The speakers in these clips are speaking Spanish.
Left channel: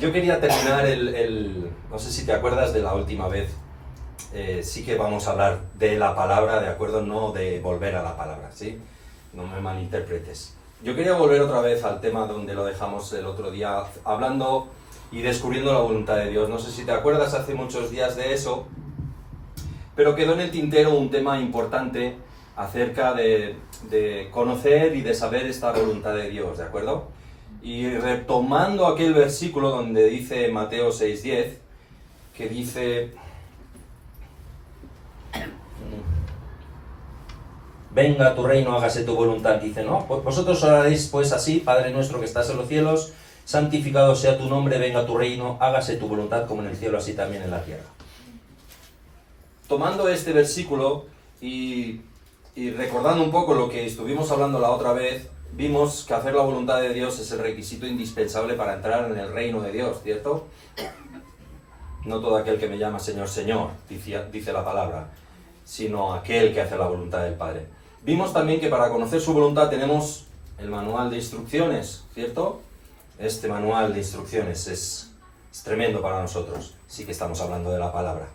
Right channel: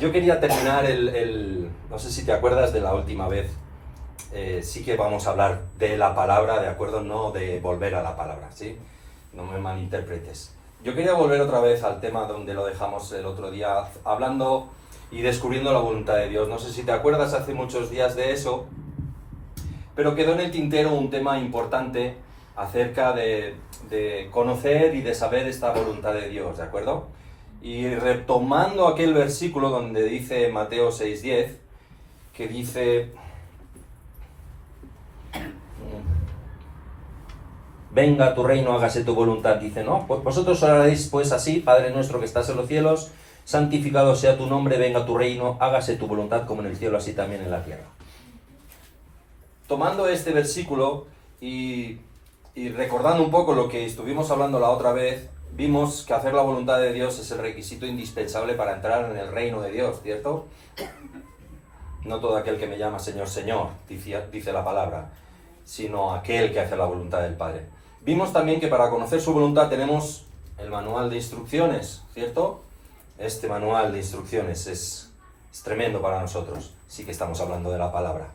Yo quería terminar no sé si te acuerdas de la última vez, sí que vamos a hablar de la palabra, ¿de acuerdo? No de volver a la palabra, ¿sí? No me malinterpretes. Yo quería volver otra vez al tema donde lo dejamos el otro día, hablando y descubriendo la voluntad de Dios. No sé si te acuerdas hace muchos días de eso, pero quedó en el tintero un tema importante acerca de conocer y de saber esta voluntad de Dios, ¿de acuerdo? Y retomando aquel versículo donde dice Mateo 6:10, que dice: venga tu reino, hágase tu voluntad. Dice, ¿no? Pues vosotros oraréis pues así: Padre nuestro que estás en los cielos, santificado sea tu nombre, venga tu reino, hágase tu voluntad como en el cielo, así también en la tierra. Tomando este versículo y recordando un poco lo que estuvimos hablando la otra vez, vimos que hacer la voluntad de Dios es el requisito indispensable para entrar en el reino de Dios, ¿cierto? No todo aquel que me llama Señor, Señor, dice la palabra, sino aquel que hace la voluntad del Padre. Vimos también que para conocer su voluntad tenemos el manual de instrucciones, ¿cierto? Este manual de instrucciones es tremendo para nosotros, sí que estamos hablando de la palabra.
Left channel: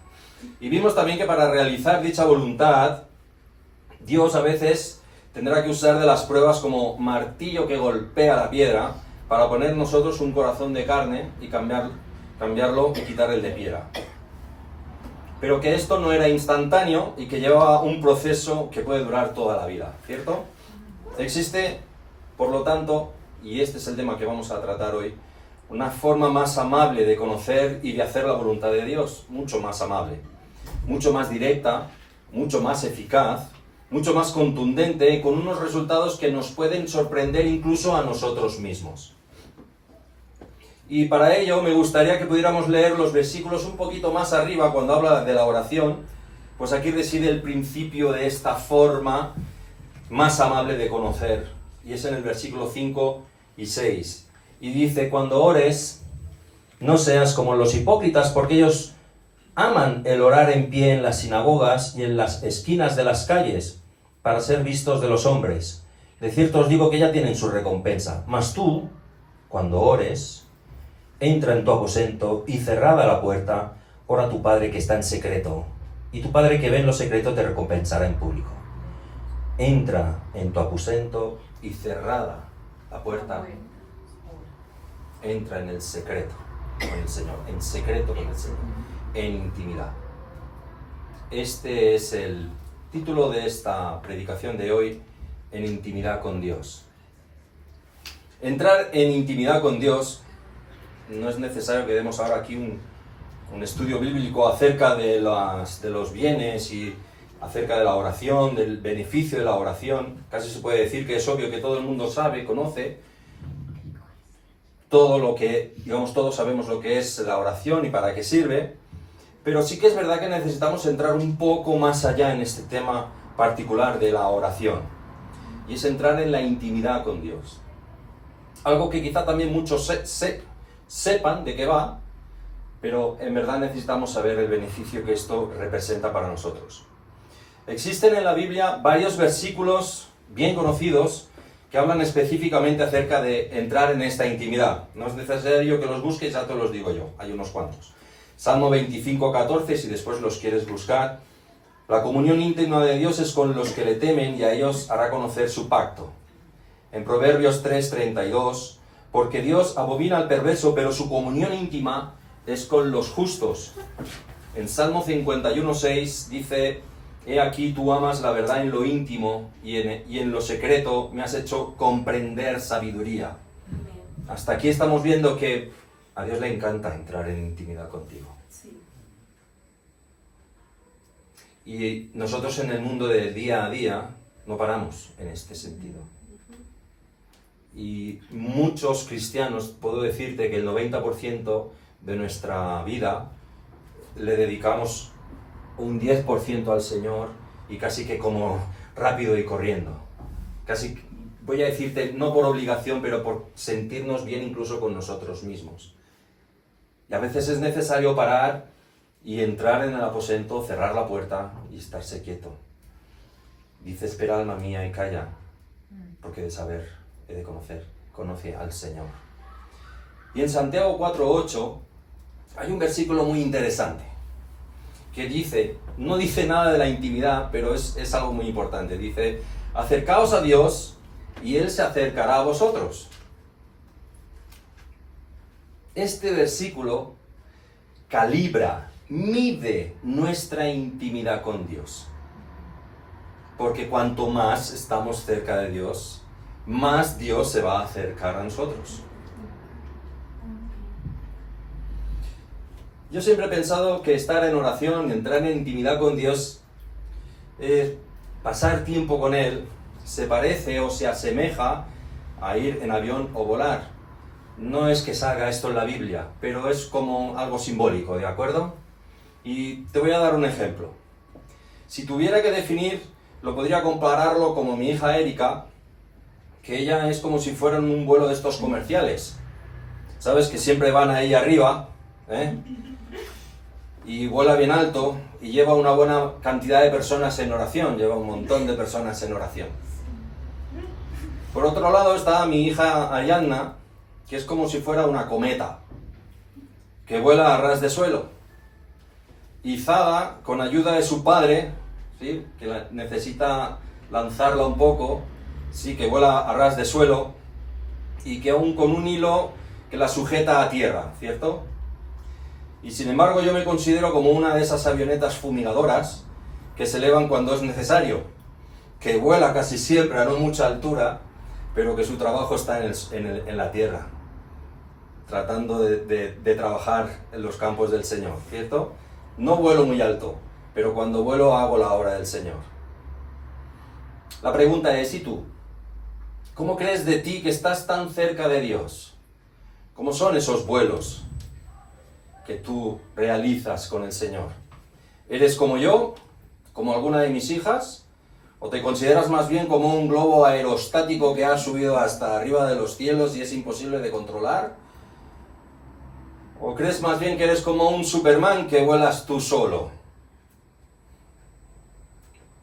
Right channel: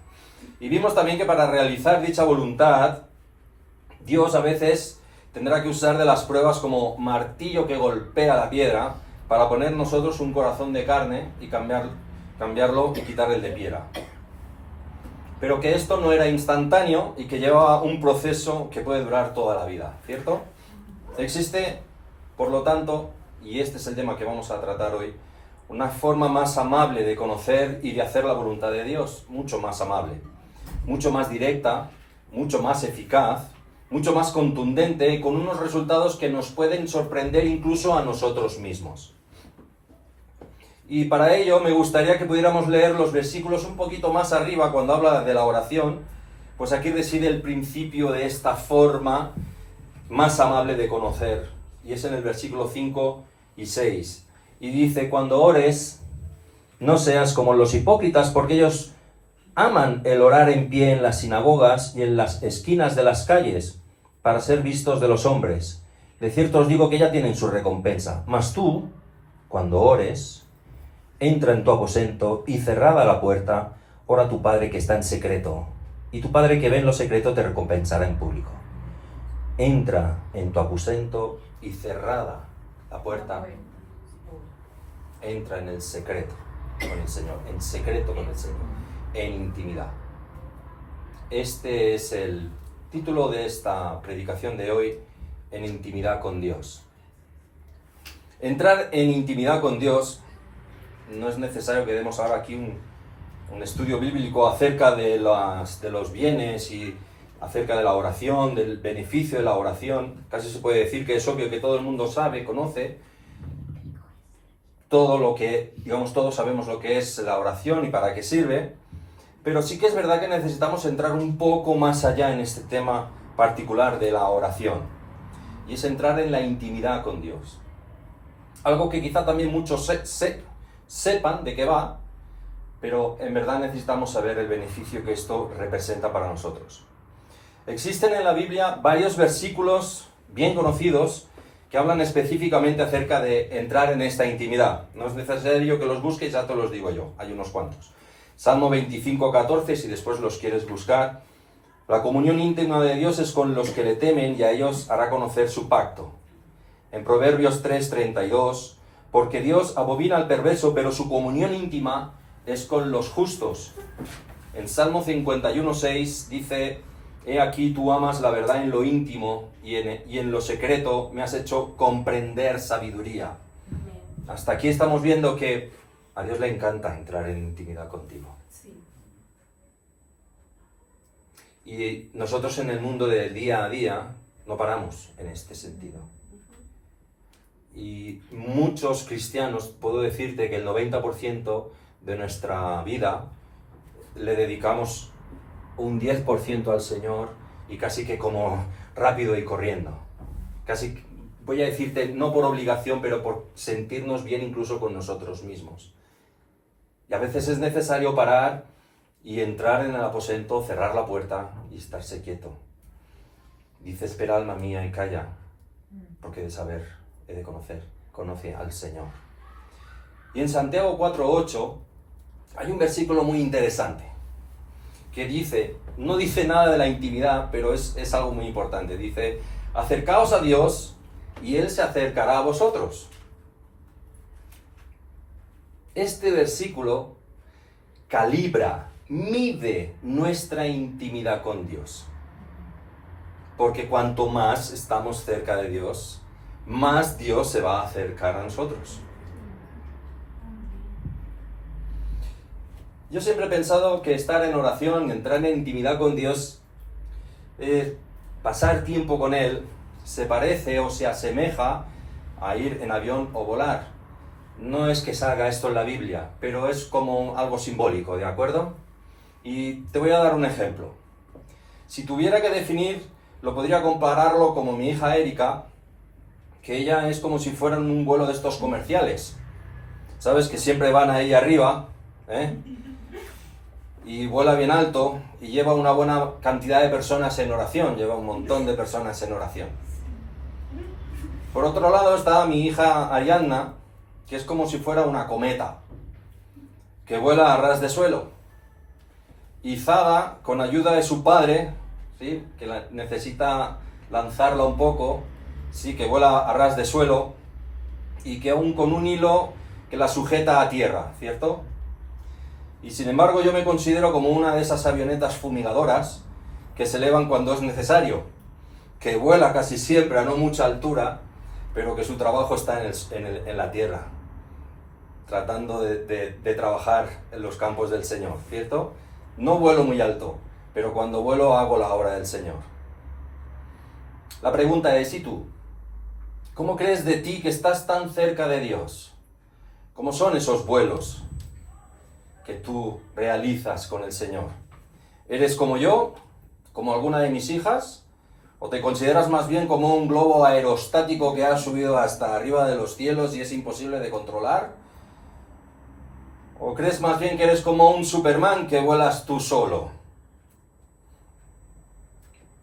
Y vimos también que para realizar dicha voluntad, Dios a veces tendrá que usar de las pruebas como martillo que golpea la piedra para poner nosotros un corazón de carne y cambiarlo y quitar el de piedra. Pero que esto no era instantáneo y que lleva un proceso que puede durar toda la vida, ¿cierto? Existe, por lo tanto, y este es el tema que vamos a tratar hoy, una forma más amable de conocer y de hacer la voluntad de Dios, mucho más amable, mucho más directa, mucho más eficaz, mucho más contundente, con unos resultados que nos pueden sorprender incluso a nosotros mismos. Y para ello me gustaría que pudiéramos leer los versículos un poquito más arriba cuando habla de la oración, pues aquí reside el principio de esta forma más amable de conocer, y es en el versículo 5 y 6. Y dice: cuando ores, no seas como los hipócritas, porque ellos aman el orar en pie en las sinagogas y en las esquinas de las calles, para ser vistos de los hombres. De cierto os digo que ya tienen su recompensa. Mas tú, cuando ores, entra en tu aposento y cerrada la puerta, ora a tu Padre que está en secreto, y tu Padre que ve en lo secreto te recompensará en público. Entra en tu aposento y cerrada la puerta, entra en el secreto con el Señor, en secreto con el Señor, en intimidad. Este es el título de esta predicación de hoy: en intimidad con Dios. Entrar en intimidad con Dios, no es necesario que demos ahora aquí un estudio bíblico acerca de los bienes y acerca de la oración, del beneficio de la oración. Casi se puede decir que es obvio que todo el mundo sabe, conoce todo lo que, digamos, todos sabemos lo que es la oración y para qué sirve, pero sí que es verdad que necesitamos entrar un poco más allá en este tema particular de la oración, y es entrar en la intimidad con Dios. Algo que quizá también muchos sepan de qué va, pero en verdad necesitamos saber el beneficio que esto representa para nosotros. Existen en la Biblia varios versículos bien conocidos que hablan específicamente acerca de entrar en esta intimidad. No es necesario que los busques, ya te los digo yo, hay unos cuantos. Salmo 25:14, si después los quieres buscar. La comunión íntima de Dios es con los que le temen y a ellos hará conocer su pacto. En Proverbios 3:32, porque Dios abomina al perverso, pero su comunión íntima es con los justos. En Salmo 51:6 dice: he aquí tú amas la verdad en lo íntimo y en lo secreto me has hecho comprender sabiduría. Hasta aquí estamos viendo que a Dios le encanta entrar en intimidad contigo. Sí. Y nosotros en el mundo del día a día no paramos en este sentido. Y muchos cristianos, puedo decirte que el 90% de nuestra vida le dedicamos un 10% al Señor, y casi que como rápido y corriendo. Casi, voy a decirte, no por obligación, pero por sentirnos bien incluso con nosotros mismos. Y a veces es necesario parar y entrar en el aposento, cerrar la puerta y estarse quieto. Dice: espera, alma mía, y calla, porque de saber he de conocer, conoce al Señor. Y en Santiago 4:8 hay un versículo muy interesante que dice, no dice nada de la intimidad, pero es algo muy importante. Dice, acercaos a Dios y Él se acercará a vosotros. Este versículo calibra, mide nuestra intimidad con Dios. Porque cuanto más estamos cerca de Dios, más Dios se va a acercar a nosotros. Yo siempre he pensado que estar en oración, entrar en intimidad con Dios, pasar tiempo con Él, se parece o se asemeja a ir en avión o volar. No es que salga esto en la Biblia, pero es como algo simbólico, ¿de acuerdo? Y te voy a dar un ejemplo. Si tuviera que definir, lo podría compararlo como mi hija Erika, que ella es como si fueran un vuelo de estos comerciales. ¿Sabes? Que siempre van ahí arriba, y vuela bien alto y lleva una buena cantidad de personas en oración, lleva un montón de personas en oración. Por otro lado está mi hija Ariadna, que es como si fuera una cometa, que vuela a ras de suelo. Y Zaga, con ayuda de su padre, ¿sí?, que necesita lanzarla un poco, sí, que vuela a ras de suelo, y que aún con un hilo que la sujeta a tierra, ¿cierto? Y sin embargo yo me considero como una de esas avionetas fumigadoras que se elevan cuando es necesario, que vuela casi siempre a no mucha altura, pero que su trabajo está en la tierra, tratando de trabajar en los campos del Señor, ¿cierto? No vuelo muy alto, pero cuando vuelo hago la obra del Señor. La pregunta es, ¿y tú? ¿Cómo crees de ti que estás tan cerca de Dios? ¿Cómo son esos vuelos que tú realizas con el Señor? ¿Eres como yo? ¿Como alguna de mis hijas? ¿O te consideras más bien como un globo aerostático que ha subido hasta arriba de los cielos y es imposible de controlar? ¿O crees más bien que eres como un Superman que vuelas tú solo?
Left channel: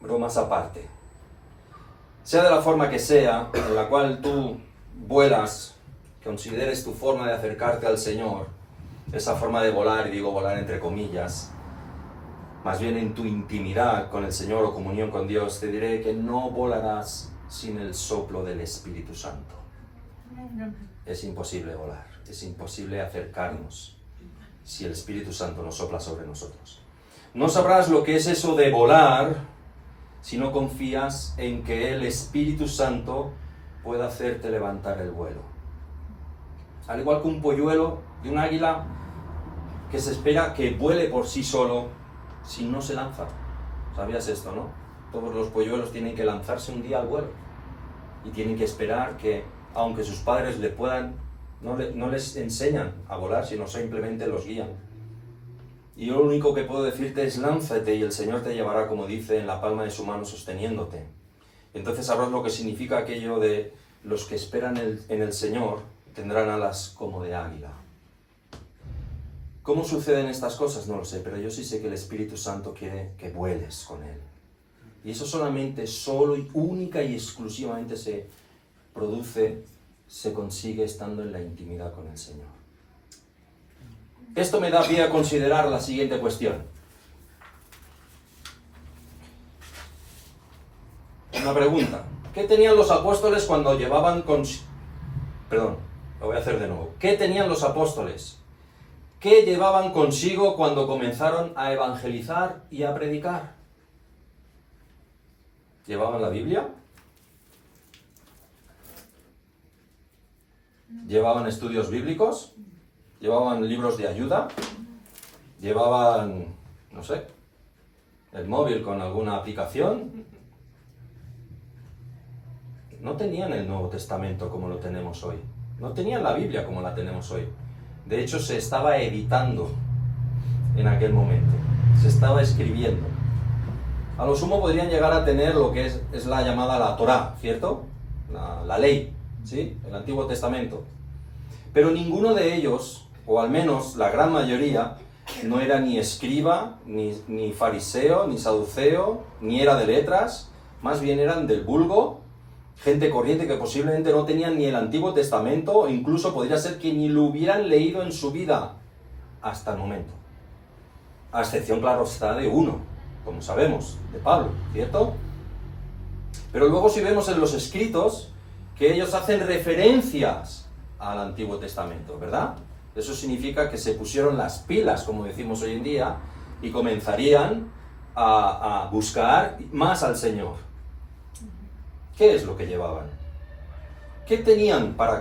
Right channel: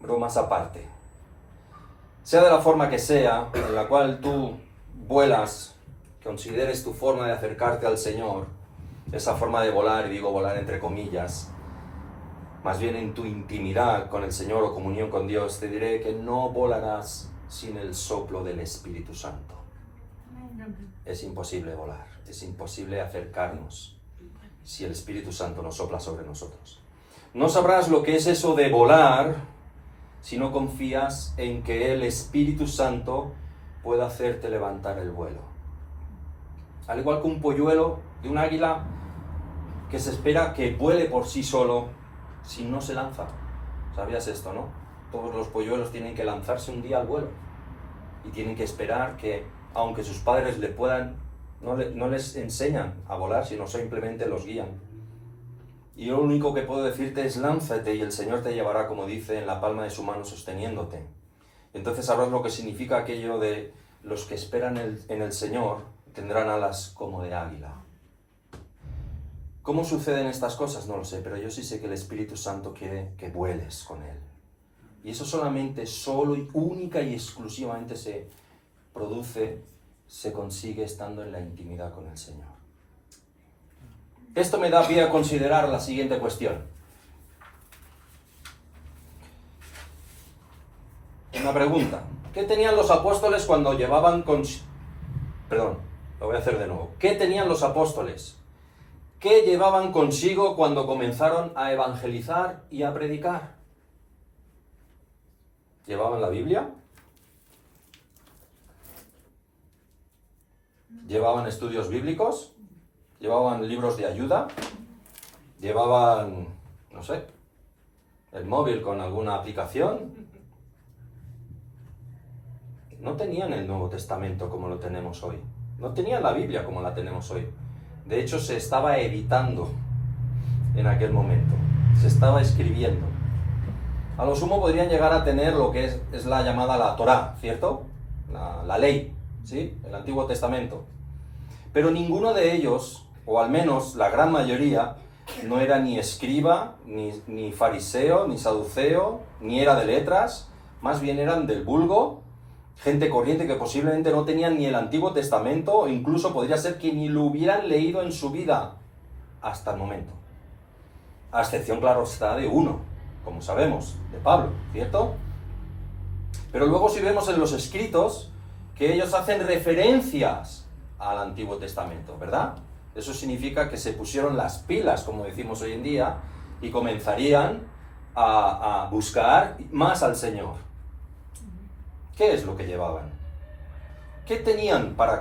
Bromas aparte. Sea de la forma que sea, en la cual tú vuelas, consideres tu forma de acercarte al Señor, esa forma de volar, y digo volar entre comillas, más bien en tu intimidad con el Señor o comunión con Dios, te diré que no volarás sin el soplo del Espíritu Santo. Es imposible volar, es imposible acercarnos si el Espíritu Santo no sopla sobre nosotros. No sabrás lo que es eso de volar si no confías en que el Espíritu Santo pueda hacerte levantar el vuelo. Al igual que un polluelo de un águila que se espera que vuele por sí solo si no se lanza. ¿Sabías esto, no? Todos los polluelos tienen que lanzarse un día al vuelo y tienen que esperar que, aunque sus padres no les enseñan a volar, sino simplemente los guían. Y lo único que puedo decirte es lánzate y el Señor te llevará, como dice, en la palma de su mano sosteniéndote. Entonces sabrás lo que significa aquello de los que esperan en el Señor tendrán alas como de águila. ¿Cómo suceden estas cosas? No lo sé, pero yo sí sé que el Espíritu Santo quiere que vueles con Él. Y eso solamente, solo y única y exclusivamente se produce, se consigue estando en la intimidad con el Señor. Esto me da pie a considerar la siguiente cuestión. Una pregunta. ¿Qué tenían los apóstoles cuando llevaban Perdón, lo voy a hacer de nuevo. ¿Qué tenían los apóstoles? ¿Qué llevaban consigo cuando comenzaron a evangelizar y a predicar? ¿Llevaban la Biblia? ¿Llevaban estudios bíblicos? ¿Llevaban libros de ayuda? ¿Llevaban, no sé, el móvil con alguna aplicación? No tenían el Nuevo Testamento como lo tenemos hoy. No tenían la Biblia como la tenemos hoy. De hecho, se estaba editando en aquel momento. Se estaba escribiendo. A lo sumo podrían llegar a tener lo que es la llamada la Torá, ¿cierto? La ley, ¿sí? El Antiguo Testamento. Pero ninguno de ellos, o al menos la gran mayoría, no era ni escriba, ni fariseo, ni saduceo, ni era de letras. Más bien eran del vulgo Gente corriente que posiblemente no tenían ni el Antiguo Testamento, o incluso podría ser que ni lo hubieran leído en su vida hasta el momento. A excepción, claro está, de uno, como sabemos, de Pablo, ¿cierto? Pero luego si vemos en los escritos que ellos hacen referencias al Antiguo Testamento, ¿verdad? Eso significa que se pusieron las pilas, como decimos hoy en día, y comenzarían a buscar más al Señor. ¿Qué es lo que llevaban? ¿Qué tenían para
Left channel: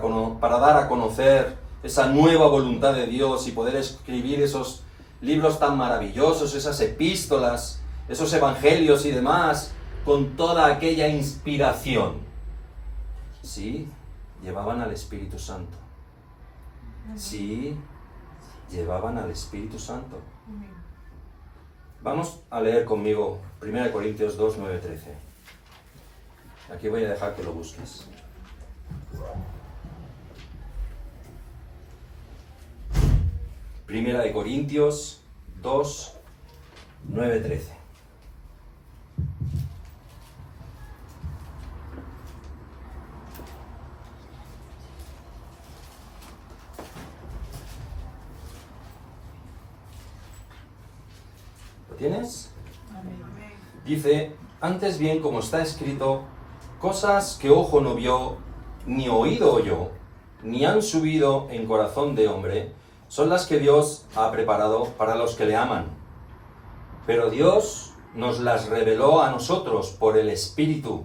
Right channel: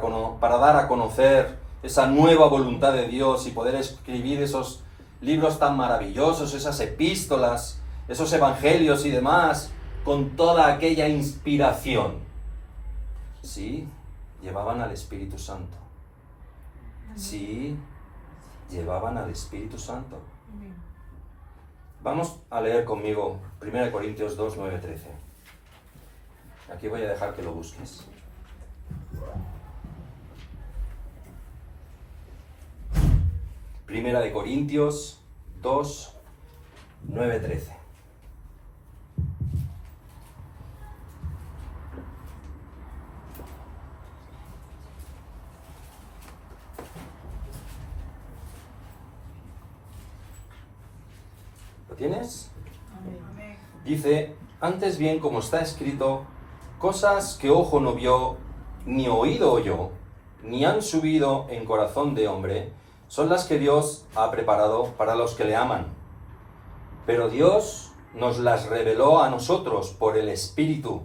dar a conocer esa nueva voluntad de Dios y poder escribir esos libros tan maravillosos, esas epístolas, esos evangelios y demás, con toda aquella inspiración? Sí, llevaban al Espíritu Santo. Sí, llevaban al Espíritu Santo. Vamos a leer conmigo 1 Corintios 2, 9, 13. Aquí voy a dejar que lo busques. Primera de Corintios 2, 9, 13. ¿Lo tienes? Amén. Dice, antes bien, como está escrito, cosas que ojo no vio, ni oído oyó, ni han subido en corazón de hombre, son las que Dios ha preparado para los que le aman. Pero Dios nos las reveló a nosotros por el Espíritu,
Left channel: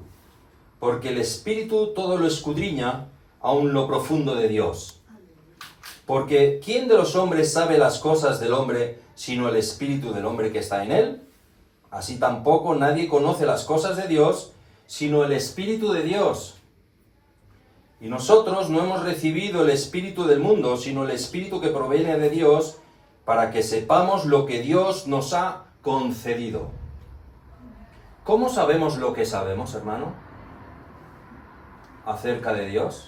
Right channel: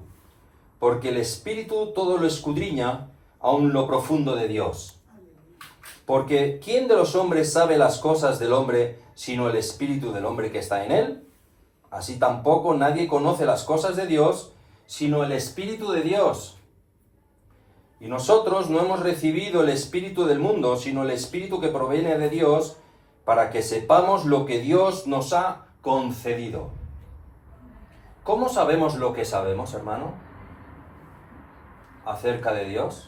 porque el Espíritu todo lo escudriña, aun lo profundo de Dios. Porque ¿quién de los hombres sabe las cosas del hombre, sino el Espíritu del hombre que está en él? Así tampoco nadie conoce las cosas de Dios, sino el Espíritu de Dios. Y nosotros no hemos recibido el Espíritu del mundo, sino el Espíritu que proviene de Dios, para que sepamos lo que Dios nos ha concedido. ¿Cómo sabemos lo que sabemos, hermano, acerca de Dios?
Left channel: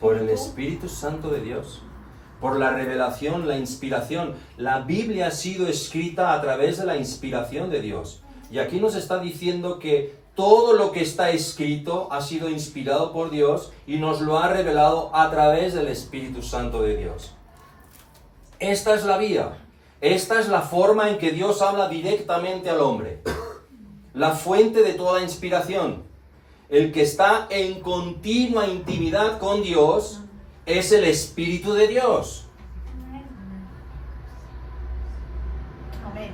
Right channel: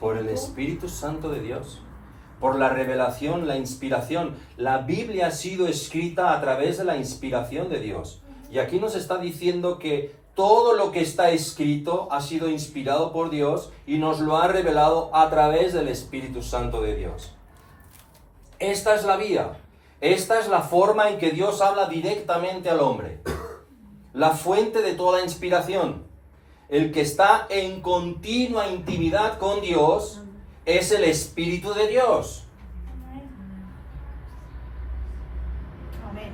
Por el Espíritu Santo de Dios, por la revelación, la inspiración. La Biblia ha sido escrita a través de la inspiración de Dios. Y aquí nos está diciendo que todo lo que está escrito ha sido inspirado por Dios y nos lo ha revelado a través del Espíritu Santo de Dios. Esta es la vía, esta es la forma en que Dios habla directamente al hombre. La fuente de toda inspiración. El que está en continua intimidad con Dios es el Espíritu de Dios. Amén.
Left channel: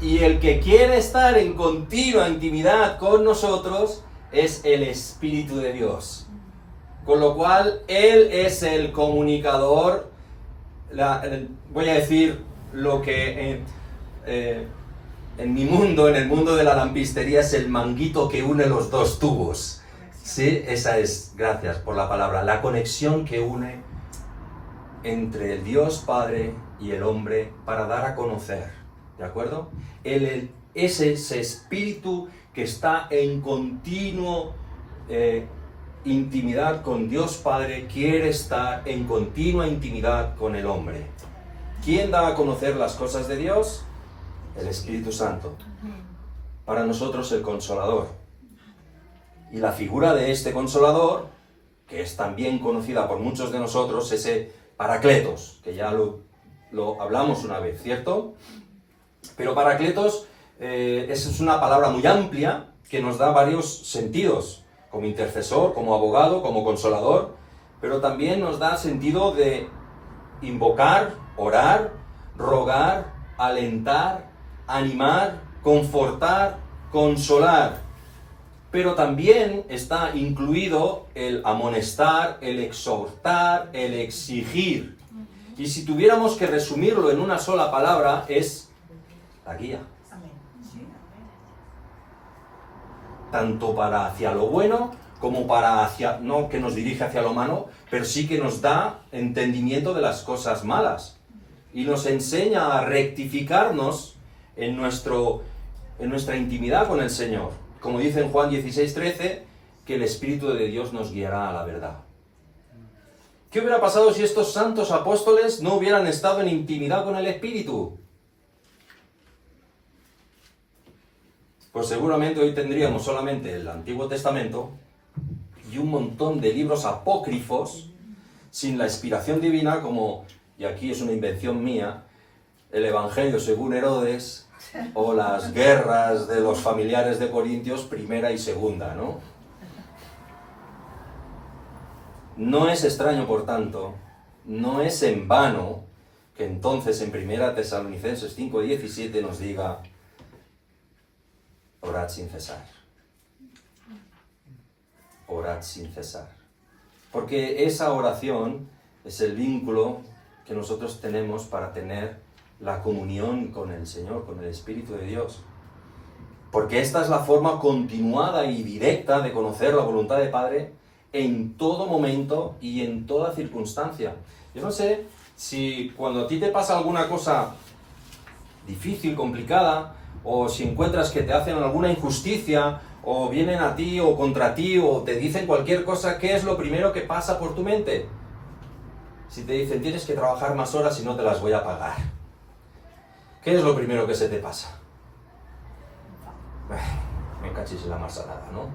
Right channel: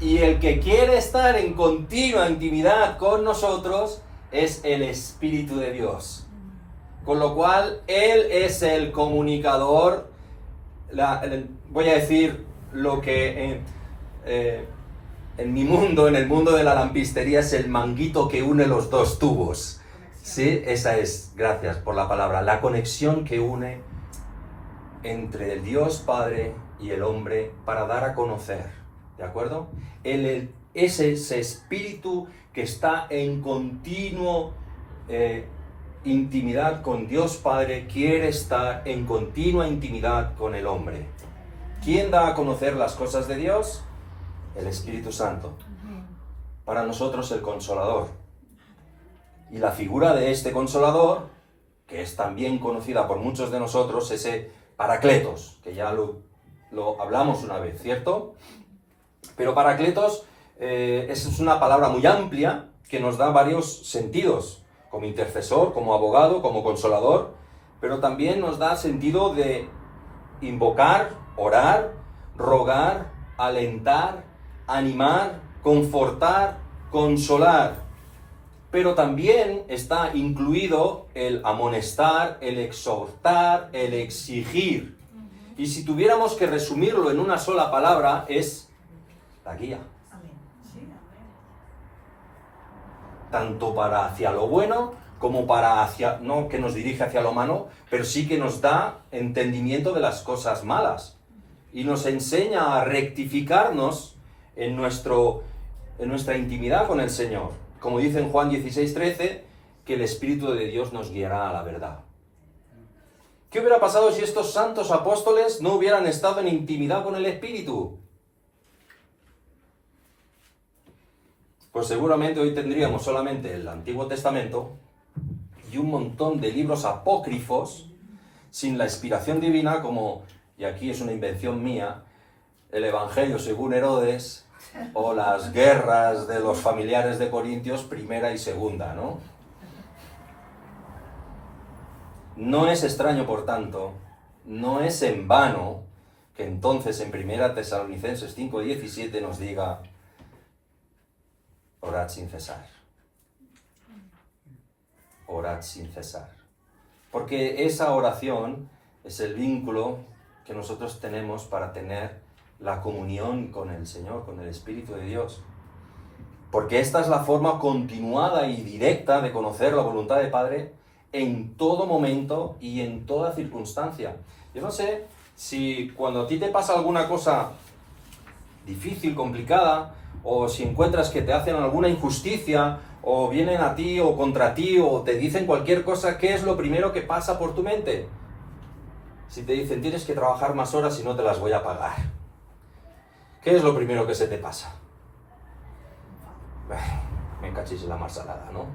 Y el que quiere estar en continua intimidad con nosotros es el Espíritu de Dios. Con lo cual, Él es el comunicador, voy a decir lo que en mi mundo, en el mundo de la lampistería, es el manguito que une los dos tubos. Sí, esa es, gracias por la palabra, la conexión que une entre el Dios Padre y el hombre para dar a conocer, ¿de acuerdo? Es ese espíritu que está en continuo intimidad con Dios Padre, quiere estar en continua intimidad con el hombre. ¿Quién da a conocer las cosas de Dios? El Espíritu Santo. Para nosotros el Consolador. Y la figura de este Consolador, que es también conocida por muchos de nosotros, ese Paracletos, que ya lo hablamos una vez, ¿cierto? Pero Paracletos es una palabra muy amplia que nos da varios sentidos, como intercesor, como abogado, como consolador, pero también nos da sentido de invocar, orar, rogar, alentar, animar, confortar, consolar. Pero también está incluido el amonestar, el exhortar, el exigir. Y si tuviéramos que resumirlo en una sola palabra, es la guía. Amén. Sí, amén. Tanto para hacia lo bueno, como para hacia, no que nos dirige hacia lo malo, pero sí que nos da entendimiento de las cosas malas. Y nos enseña a rectificarnos en nuestra intimidad con el Señor. Como dice en Juan 16:13, que el Espíritu de Dios nos guiará a la verdad. ¿Qué hubiera pasado si estos santos apóstoles no hubieran estado en intimidad con el Espíritu? pues seguramente hoy tendríamos solamente el Antiguo Testamento y un montón de libros apócrifos sin la inspiración divina, como, y aquí es una invención mía, el Evangelio según Herodes o las guerras de los familiares de Corintios, primera y segunda, ¿no? No es extraño, por tanto, no es en vano que entonces en 1 Tesalonicenses 5:17 nos diga: orad sin cesar. Orad sin cesar. Porque esa oración es el vínculo que nosotros tenemos para tener la comunión con el Señor, con el Espíritu de Dios. Porque esta es la forma continuada y directa de conocer la voluntad del Padre en todo momento y en toda circunstancia. Yo no sé si cuando a ti te pasa alguna cosa difícil, complicada, o si encuentras que te hacen alguna injusticia, o vienen a ti o contra ti, o te dicen cualquier cosa, ¿qué es lo primero que pasa por tu mente? Si te dicen, tienes que trabajar más horas y no te las voy a pagar, ¿qué es lo primero que se te pasa? Me cachis en la marsalada, ¿no?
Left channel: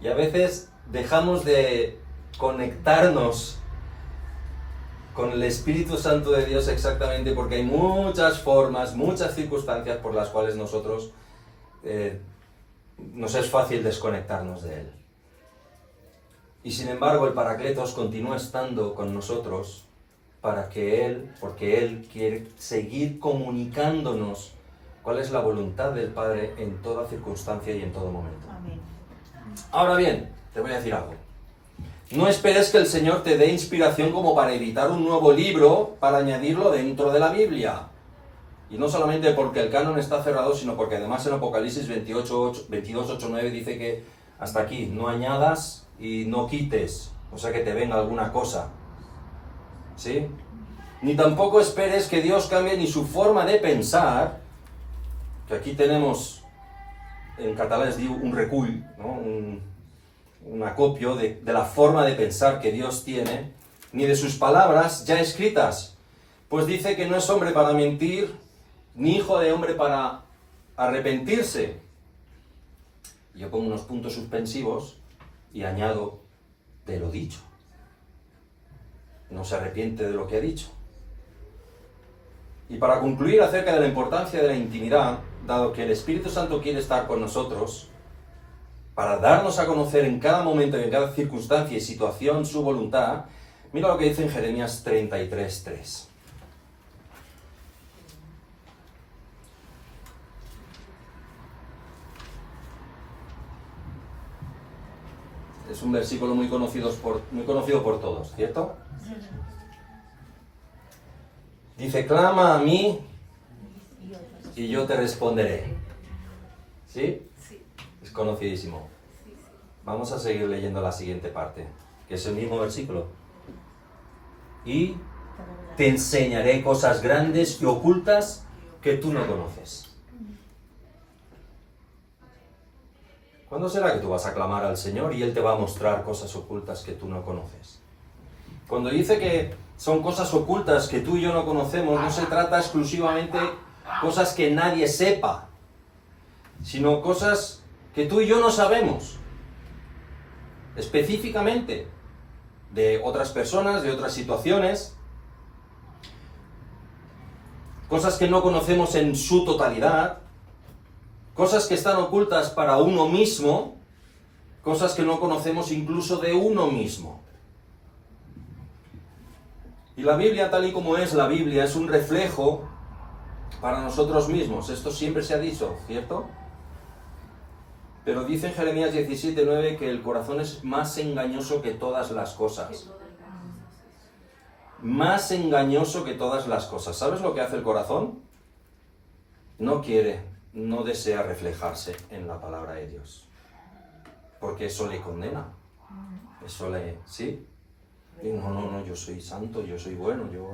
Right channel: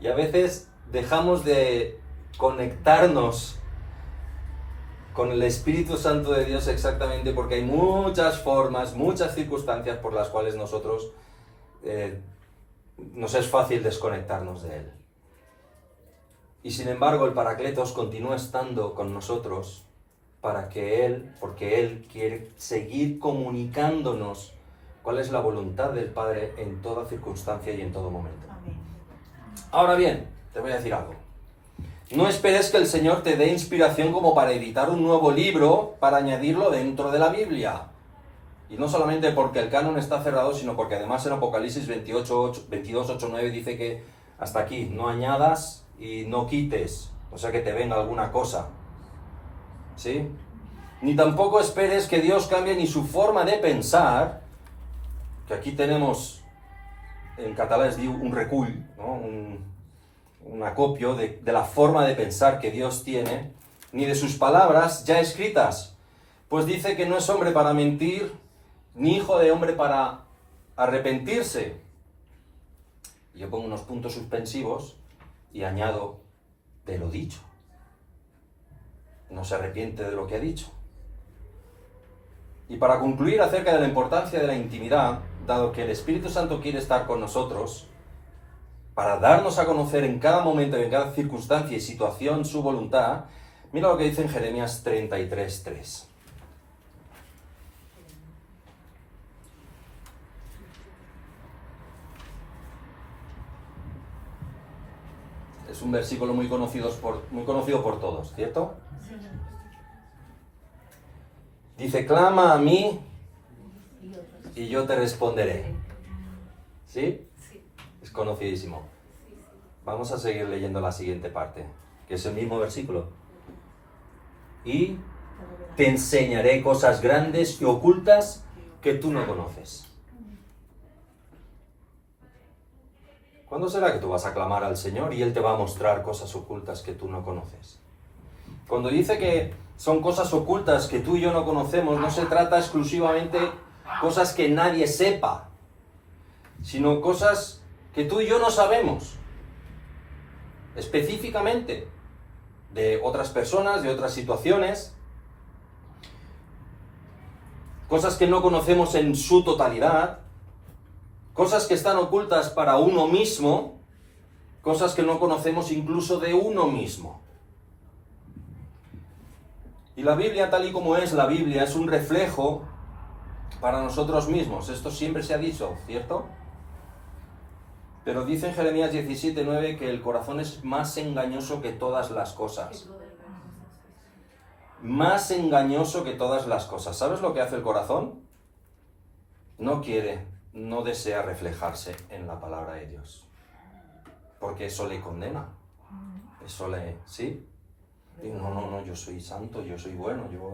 Y a veces dejamos de conectarnos con el Espíritu Santo de Dios exactamente porque hay muchas formas, muchas circunstancias por las cuales nosotros nos es fácil desconectarnos de Él. Y sin embargo el Paracletos continúa estando con nosotros porque Él quiere seguir comunicándonos cuál es la voluntad del Padre en toda circunstancia y en todo momento. Amén. Ahora bien, te voy a decir algo. No esperes que el Señor te dé inspiración como para editar un nuevo libro para añadirlo dentro de la Biblia. Y no solamente porque el canon está cerrado, sino porque además en Apocalipsis 22:8-9 dice que hasta aquí, no añadas y no quites, o sea que te venga alguna cosa. ¿Sí? Ni tampoco esperes que Dios cambie ni su forma de pensar, que aquí tenemos, en catalán es diu un recull, ¿no? Un acopio de la forma de pensar que Dios tiene, ni de sus palabras ya escritas, pues dice que no es hombre para mentir, ni hijo de hombre para arrepentirse. Yo pongo unos puntos suspensivos y añado de lo dicho. No se arrepiente de lo que ha dicho. Y para concluir acerca de la importancia de la intimidad, dado que el Espíritu Santo quiere estar con nosotros, para darnos a conocer en cada momento y en cada circunstancia y situación su voluntad, mira lo que dice en Jeremías 33:3. Es un versículo muy conocido por todos, ¿cierto? Dice, clama a mí y yo te responderé. ¿Sí? Es conocidísimo. Vamos a seguir leyendo la siguiente parte, que es el mismo versículo. Y te enseñaré cosas grandes y ocultas que tú no conoces. ¿Cuándo será que tú vas a clamar al Señor y Él te va a mostrar cosas ocultas que tú no conoces? Cuando dice que son cosas ocultas que tú y yo no conocemos, no se trata exclusivamente de cosas que nadie sepa, sino cosas que tú y yo no sabemos, específicamente, de otras personas, de otras situaciones, cosas que no conocemos en su totalidad, cosas que están ocultas para uno mismo, cosas que no conocemos incluso de uno mismo. Y la Biblia, tal y como es la Biblia, es un reflejo para nosotros mismos. Esto siempre se ha dicho, ¿cierto? Pero dice en Jeremías 17:9 que el corazón es más engañoso que todas las cosas. Más engañoso que todas las cosas. ¿Sabes lo que hace el corazón? No quiere, no desea reflejarse en la palabra de Dios. Porque eso le condena. Eso le... ¿Sí? Y no, yo soy santo, yo soy bueno, yo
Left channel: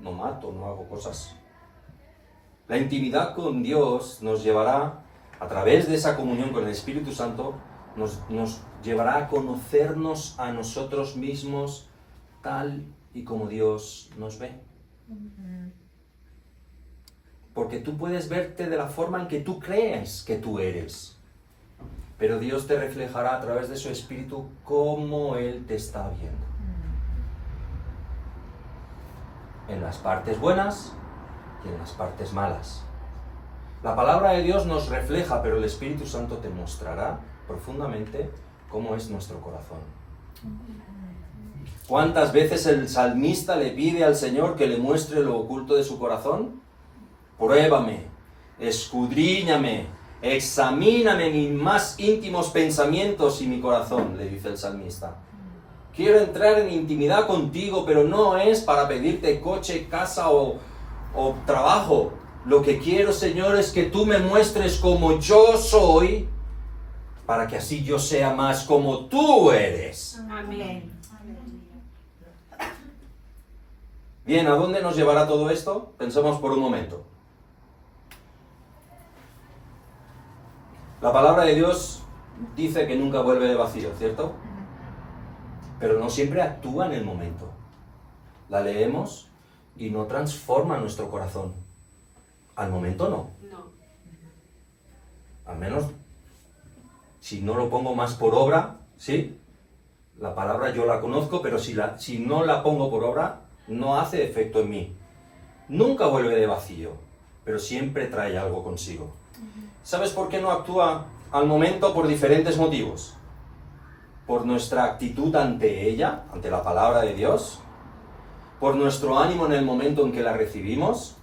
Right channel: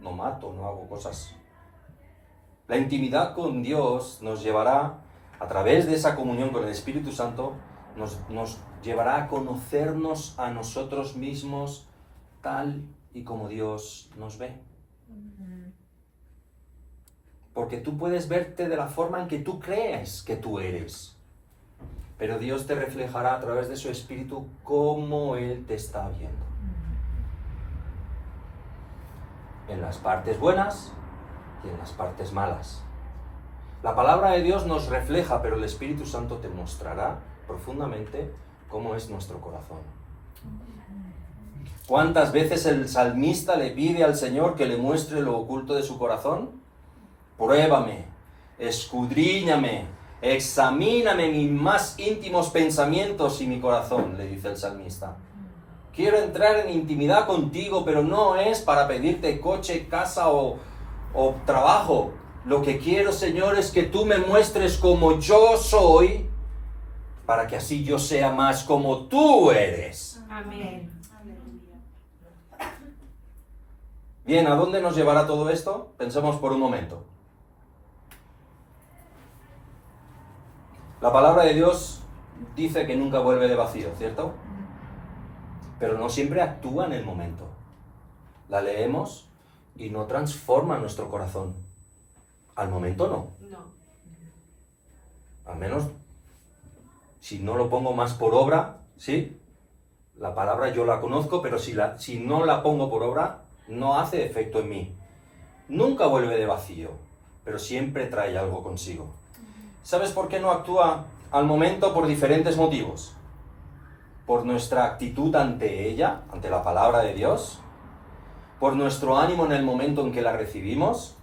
no mato, no hago cosas. La intimidad con Dios nos llevará, a través de esa comunión con el Espíritu Santo, nos llevará a conocernos a nosotros mismos tal y como Dios nos ve. porque tú puedes verte de la forma en que tú crees que tú eres. Pero Dios te reflejará a través de su Espíritu cómo Él te está viendo. En las partes buenas y en las partes malas. La palabra de Dios nos refleja, pero el Espíritu Santo te mostrará profundamente cómo es nuestro corazón. ¿Cuántas veces el salmista le pide al Señor que le muestre lo oculto de su corazón? Pruébame, escudriñame, examíname mis más íntimos pensamientos y mi corazón, le dice el salmista. Quiero entrar en intimidad contigo, pero no es para pedirte coche, casa o trabajo. Lo que quiero, Señor, es que tú me muestres como yo soy, para que así yo sea más como tú eres. Amén. Bien, ¿a dónde nos llevará todo esto? Pensemos por un momento. La palabra de Dios dice que nunca vuelve de vacío, ¿cierto? Pero no siempre actúa en el momento. La leemos y no transforma nuestro corazón. Al momento no. Al menos, si no lo pongo más por obra, ¿sí? La palabra yo la conozco, pero si no la pongo por obra, no hace efecto en mí. Nunca vuelve de vacío, pero siempre trae algo consigo. ¿Sabes por qué no actúa al momento? Por diferentes motivos. Por nuestra actitud ante ella, ante la palabra de Dios, por nuestro ánimo en el momento en que la recibimos,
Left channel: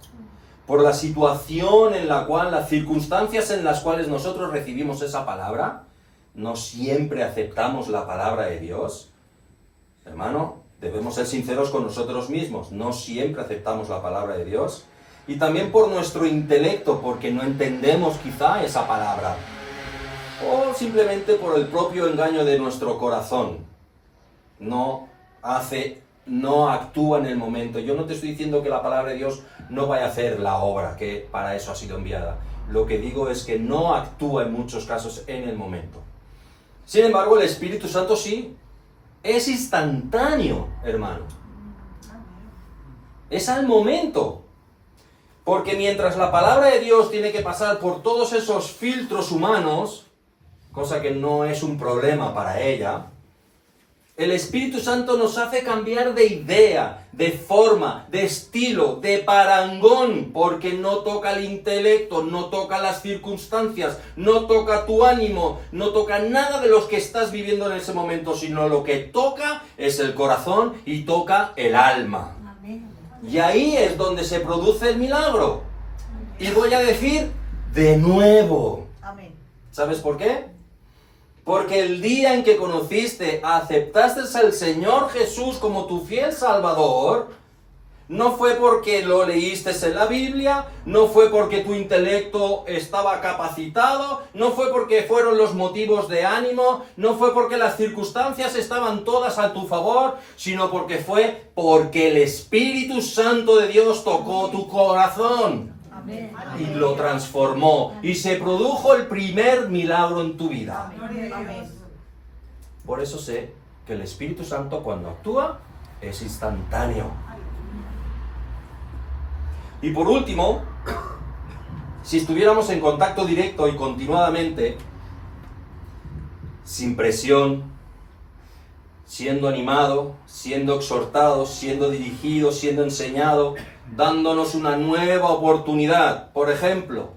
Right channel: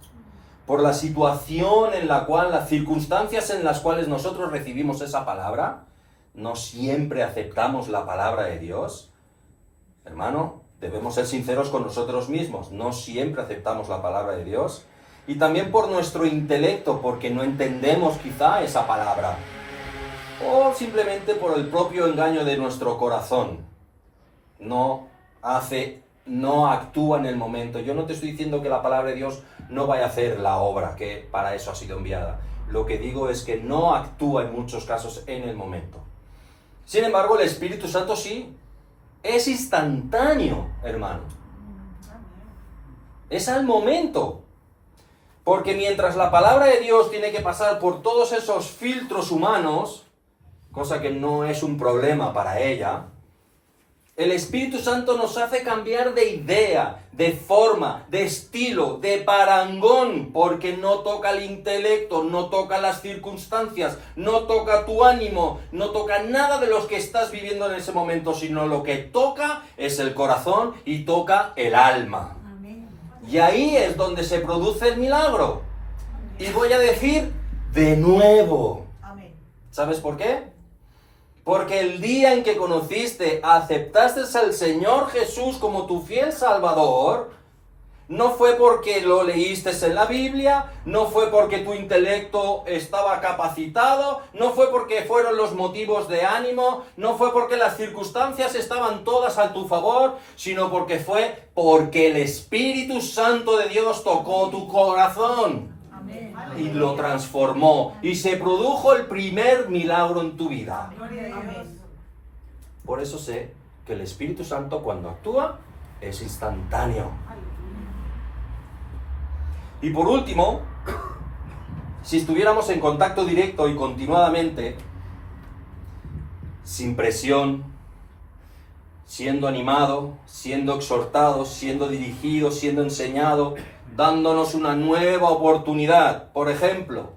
por la situación en la cual, las circunstancias en las cuales nosotros recibimos esa palabra. No siempre aceptamos la palabra de Dios. Hermano, debemos ser sinceros con nosotros mismos. No siempre aceptamos la palabra de Dios. Y también por nuestro intelecto, porque no entendemos quizá esa palabra. O simplemente por el propio engaño de nuestro corazón. No actúa en el momento. Yo no te estoy diciendo que la palabra de Dios no vaya a hacer la obra, que para eso ha sido enviada. Lo que digo es que no actúa en muchos casos en el momento. Sin embargo, el Espíritu Santo sí. Es instantáneo, hermano. Es al momento. Porque mientras la palabra de Dios tiene que pasar por todos esos filtros humanos, cosa que no es un problema para ella, el Espíritu Santo nos hace cambiar de idea, de forma, de estilo, de parangón, porque no toca el intelecto, no toca las circunstancias, no toca tu ánimo, no toca nada de lo que estás viviendo en ese momento, sino lo que toca es el corazón y toca el alma. Y ahí es donde se produce el milagro. Y voy a decir de nuevo. ¿Sabes por qué? Porque el día en que aceptaste al Señor Jesús como tu fiel Salvador, no fue porque lo leíste en la Biblia, no fue porque tu intelecto estaba capacitado, no fue porque fueron los motivos de ánimo, no fue porque las circunstancias estaban todas a tu favor, sino porque el Espíritu Santo de Dios tocó tu corazón. Amén. Y lo transformó, y se produjo el primer milagro en tu vida. Amén. Por eso sé que el Espíritu Santo, cuando actúa, es instantáneo. Y por último, si estuviéramos en contacto directo y continuadamente, sin presión, siendo animado, siendo exhortado, siendo dirigido, siendo enseñado, dándonos una nueva oportunidad. Por ejemplo,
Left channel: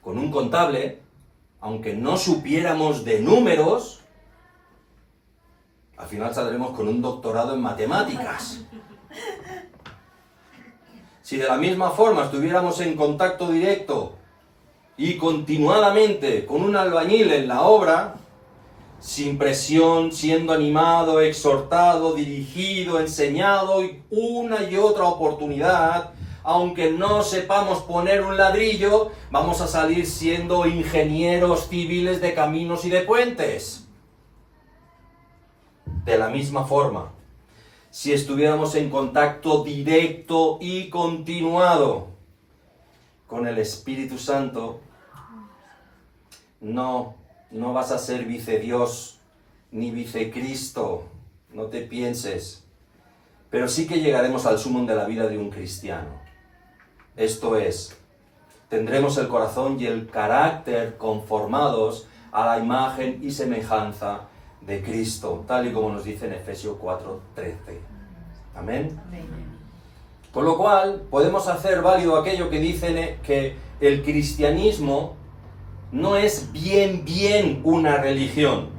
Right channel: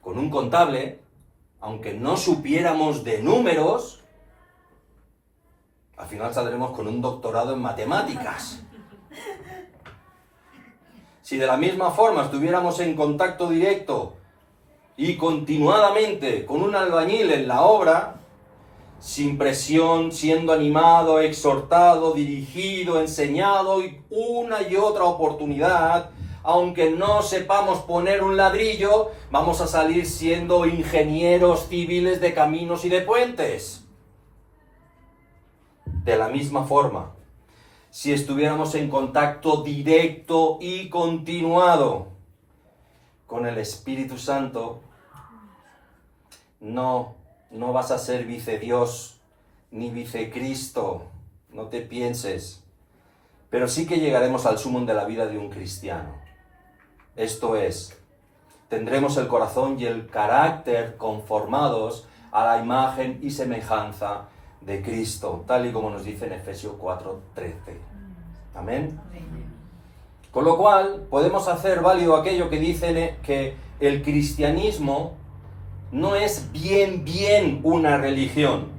con un contable, aunque no supiéramos de números, al final saldremos con un doctorado en matemáticas. Si de la misma forma estuviéramos en contacto directo y continuadamente con un albañil en la obra, sin presión, siendo animado, exhortado, dirigido, enseñado, y una y otra oportunidad, aunque no sepamos poner un ladrillo, vamos a salir siendo ingenieros civiles de caminos y de puentes. De la misma forma, si estuviéramos en contacto directo y continuado con el Espíritu Santo, no vas a ser vicedios ni vicecristo, no te pienses. Pero sí que llegaremos al sumum de la vida de un cristiano. Esto es, tendremos el corazón y el carácter conformados a la imagen y semejanza de Cristo, tal y como nos dice en Efesios 4:13. Amén. Con lo cual, podemos hacer válido aquello que dicen que el cristianismo no es bien una religión,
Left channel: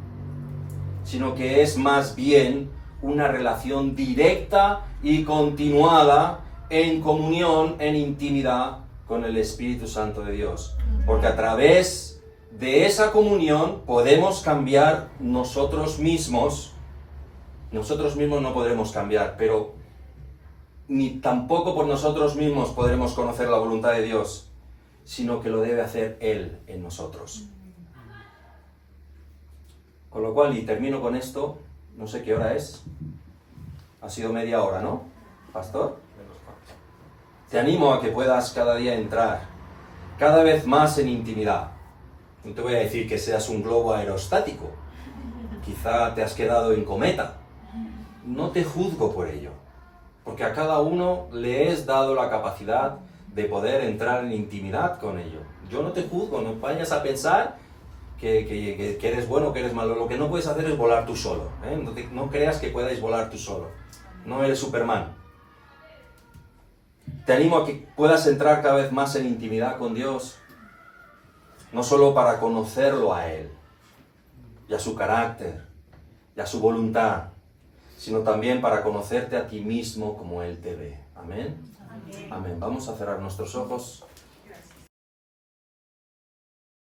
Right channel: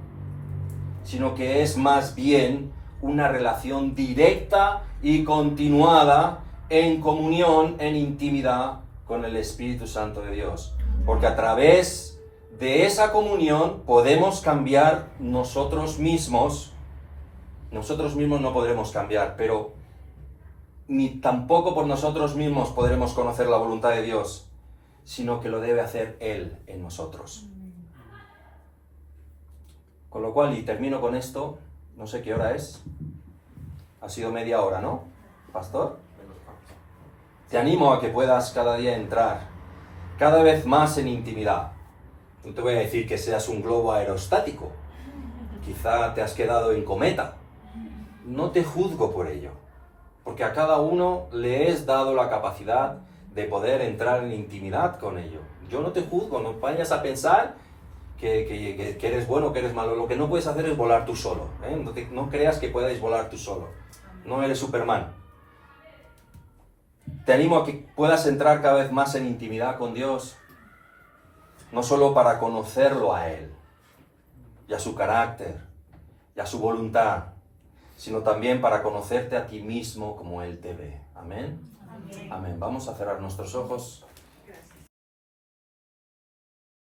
sino que es más bien una relación directa y continuada en comunión, en intimidad con el Espíritu Santo de Dios. Porque a través de esa comunión podemos cambiar nosotros mismos. Nosotros mismos no podremos cambiar, pero ni tampoco por nosotros mismos podremos conocer la voluntad de Dios, sino que lo debe hacer Él en nosotros. Con lo cual, y termino con esto, no sé qué hora es. Ha sido media hora, ¿no, pastor? Te animo a que puedas cada día entrar cada vez más en intimidad. No te voy a decir que seas un globo aerostático. Quizá te has quedado en cometa. No te juzgo por ello, porque a cada uno le es dado la capacidad de poder entrar en intimidad con ello. Yo no te juzgo, no vayas a pensar que eres bueno o que eres malo. Lo que no puedes hacer es volar tú solo, ¿eh? No creas que puedas volar tú solo. No eres Superman. Te animo a que puedas entrar cada vez más en intimidad con Dios, no solo para conocerlo a Él, y a su carácter, y a su voluntad, sino también para conocerte a ti mismo como Él te ve. Amén. Amén. Vamos a cerrar nuestros ojos.